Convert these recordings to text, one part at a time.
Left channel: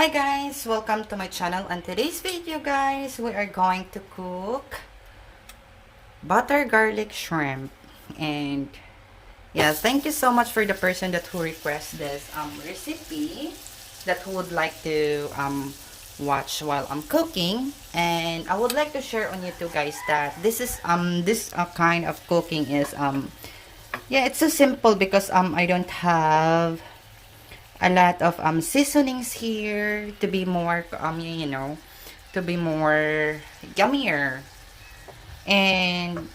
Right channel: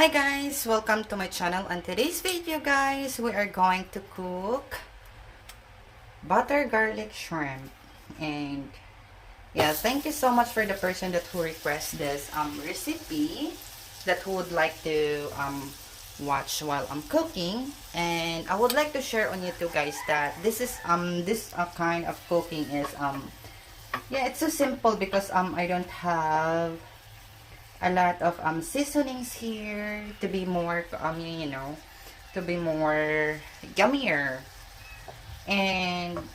Hi guys, welcome to my channel. On today's video guys, we are going to cook butter garlic shrimp. And yeah, thank you so much for the person that who requested this recipe, that who would like to watch while I'm cooking. And I would like to share on you two guys that this is this kind of cooking is yeah, it's so simple because I don't have a lot of seasonings here to be more to be more yummier. And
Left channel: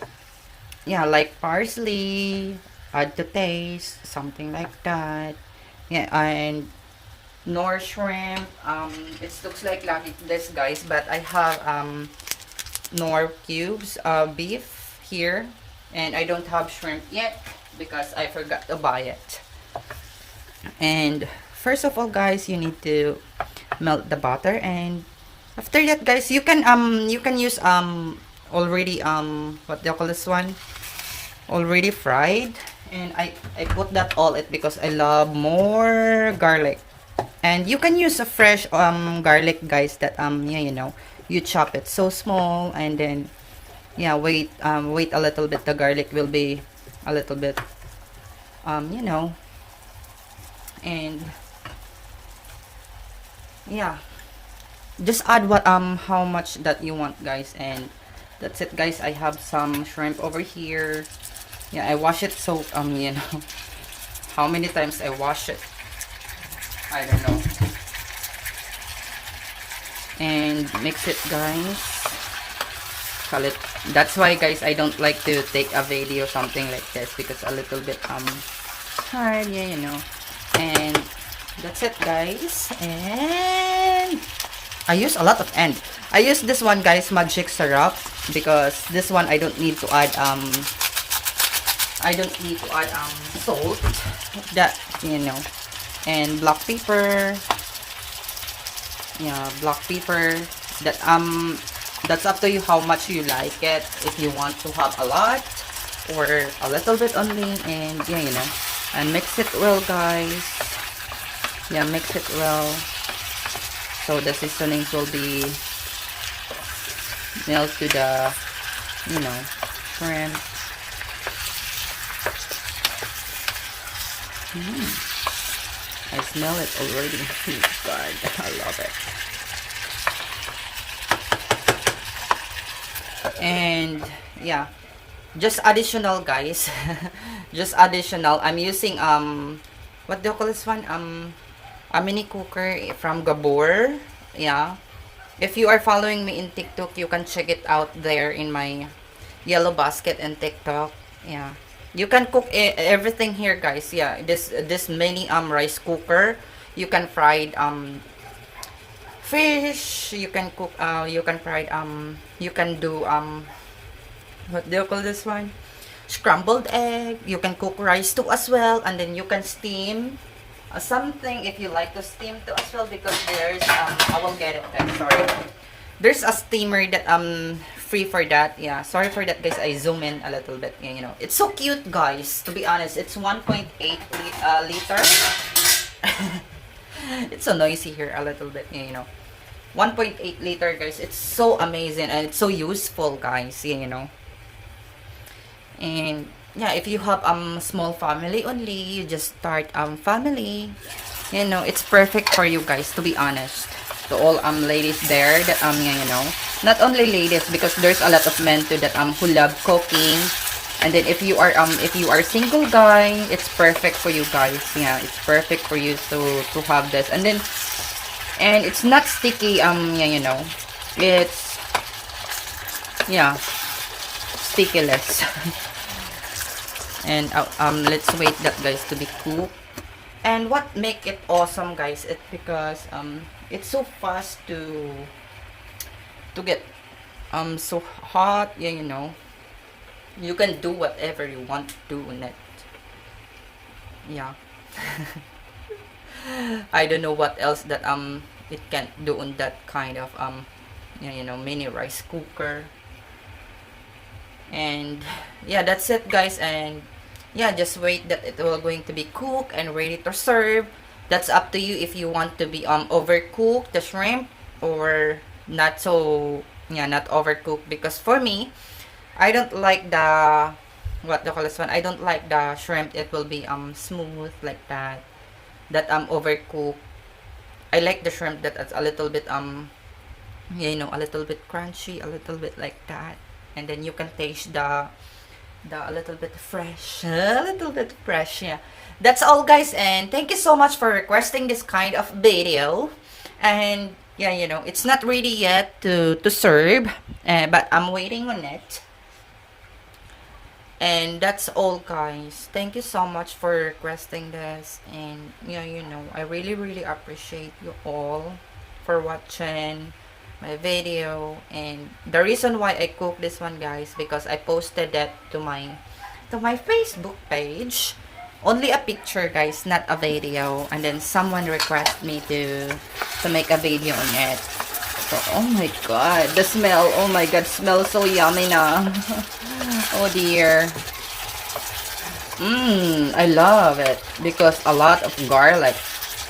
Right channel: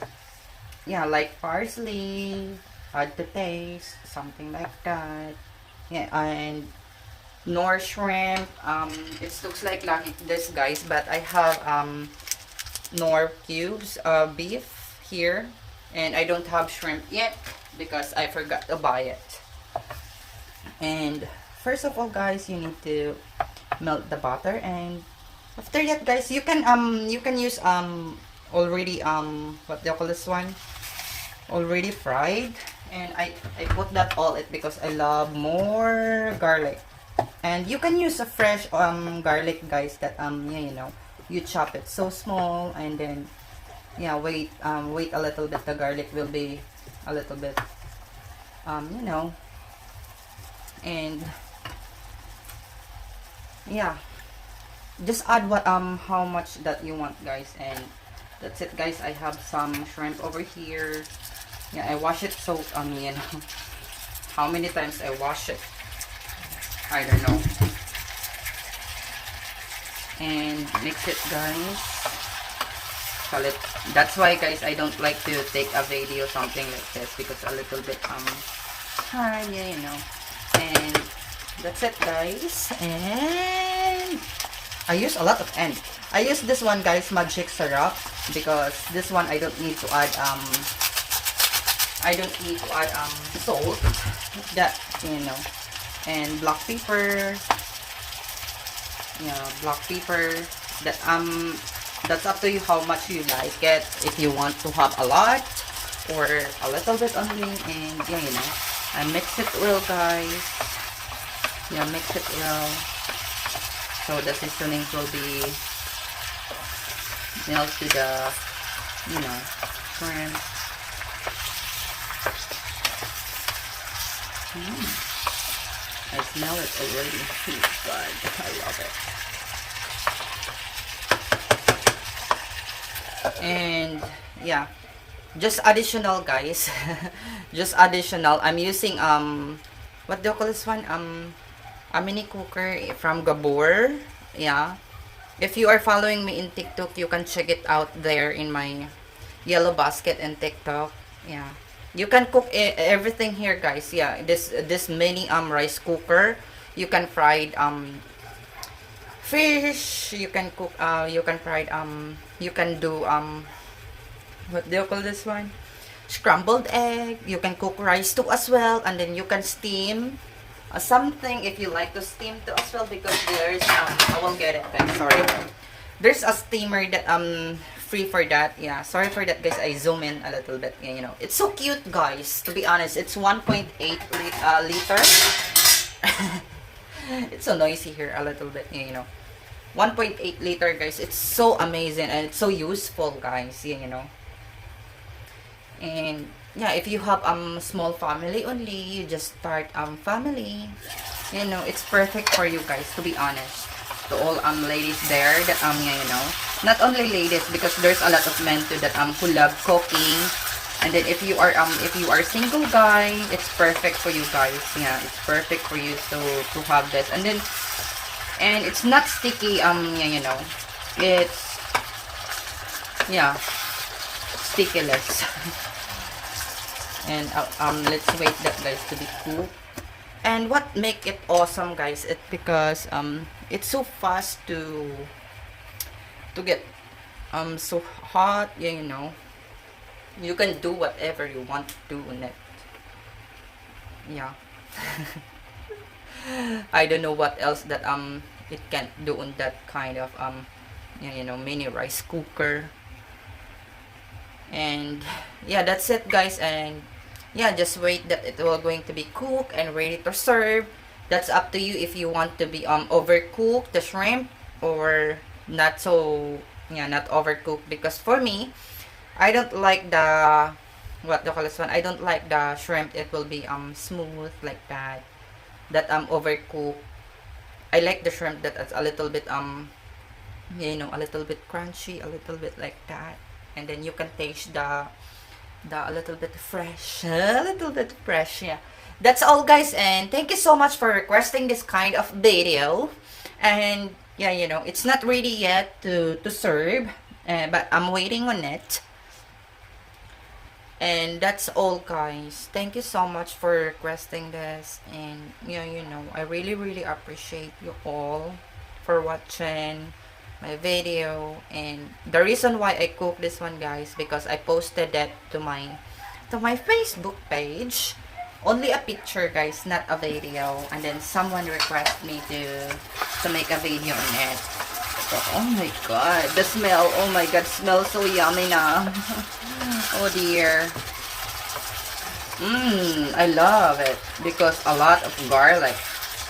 yeah, like parsley, add to taste, something like that. Yeah, and nor shrimp. It looks like this guys, but I have nor cubes of beef here, and I don't have shrimp yet because I forgot to buy it. And first of all guys, you need to melt the butter, and after that guys, you can use already what do you call this one, already fried. And I put that all it because I love more garlic. And you can use a fresh garlic guys, that yeah, you chop it so small, and then yeah, wait a little bit, the garlic will be a little bit and yeah, just add what how much that you want guys. And that's it guys. I have some shrimp over here. Yeah, I wash it, so how many times I wash it, I don't know. And mix it guys. That's why guys, I don't like to take a video something like this because a little bit hard, yeah. And that's it guys. And I use a lot of end. I use this one guys, magic syrup, because this one I don't need to add salt, that and black pepper. Yeah, black pepper, that that's up to you how much you like it, if you want to have a lot or a little bit only. And yeah, and mix it well guys. Yeah, mix it well so the seasonings will be melt to the shrimp. I smell it already. God, I love it. And yeah, just additional guys. Just additional, I'm using what do you call this one, a mini cooker from Gabor. Yeah, if you are following me in TikTok, you can check it out there in my yellow basket and TikTok. Yeah, you can cook everything here guys. Yeah, this mini rice cooker, you can fry fish, you can cook you can fry you can do what do you call this one, scrambled egg. You can cook rice too as well, and then you can steam something if you like to steam too as well, because there's I will get it guys, sorry, there's a steamer that free for that. Yeah, sorry for that guys, I zoom in a little bit. It's so cute guys, to be honest. It's 1.8 liter. It's so noisy here a little bit. 1.8 liter guys. It's so amazing and it's so useful guys. And yeah, if you have small family only, you just start family, it's perfect for you guys, to be honest. To all ladies there that not only ladies, because there's a lot of men too that who love cooking. And then if you are single guy, it's perfect for you guys. Yeah, it's perfect for you to have this. And then it's not sticky. It's stickless. And let's wait that guys to be cooked. And what make it awesome guys, it because it's so fast to get so hot. You can do whatever you want to do in it. Yeah. I don't know what else that it can do on that kind of mini rice cooker. And yeah, that's it guys. And yeah, just wait that it will going to be cooked and ready to serve. That's up to you if you want to be overcook the shrimp or not so, yeah, not overcooked. Because for me, I don't like the, what do you call this one? I don't like the shrimp. It will be smooth like that. That overcooked. I like the shrimp that is a little bit you know, a little bit crunchy, a little bit like that. And then you can taste the a little bit fresh, a little bit fresh. Yeah, that's all, guys, and thank you so much for requesting this kind of video. And yeah, you know, it's not ready yet to serve, but I'm waiting on it. And that's all, guys. Thank you so much for requesting this. And yeah, you know, I really appreciate you all for watching my video. And the reason why I cook this one, guys, because I posted that to my Facebook page. Only a picture, guys, not a video. And then someone requested me to make a video on it. So, oh my god, the smell. Oh my god, smells so yummy now. Oh dear. I love it because a lot of garlic.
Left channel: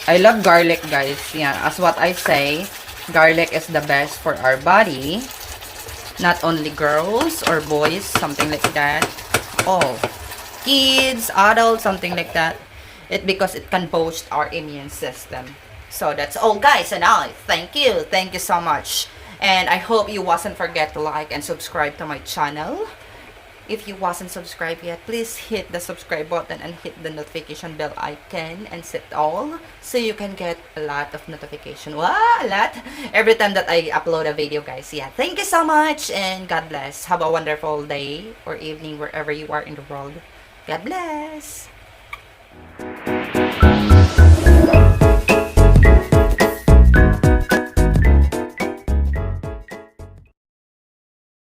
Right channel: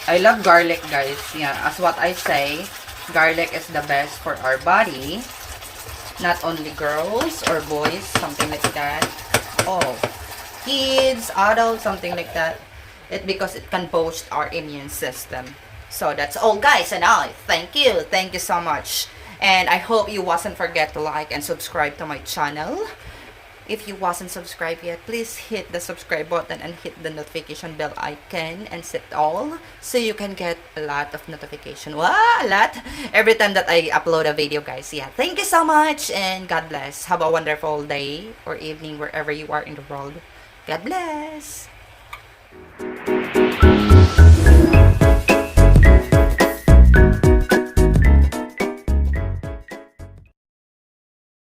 I love garlic, guys. Yeah, as what I say, garlic is the best for our body. Not only girls or boys, something like that. Oh, kids, adults, something like that. Because it can boost our immune system. So that's all, guys, and I thank you so much. And I hope you wasn't forget to like and subscribe to my channel. If you wasn't subscribed yet, please hit the subscribe button and hit the notification bell icon and set all so you can get a lot of notification. Wow, a lot every time that I upload a video, guys. Yeah, thank you so much and God bless. Have a wonderful day or evening wherever you are in the world. God bless.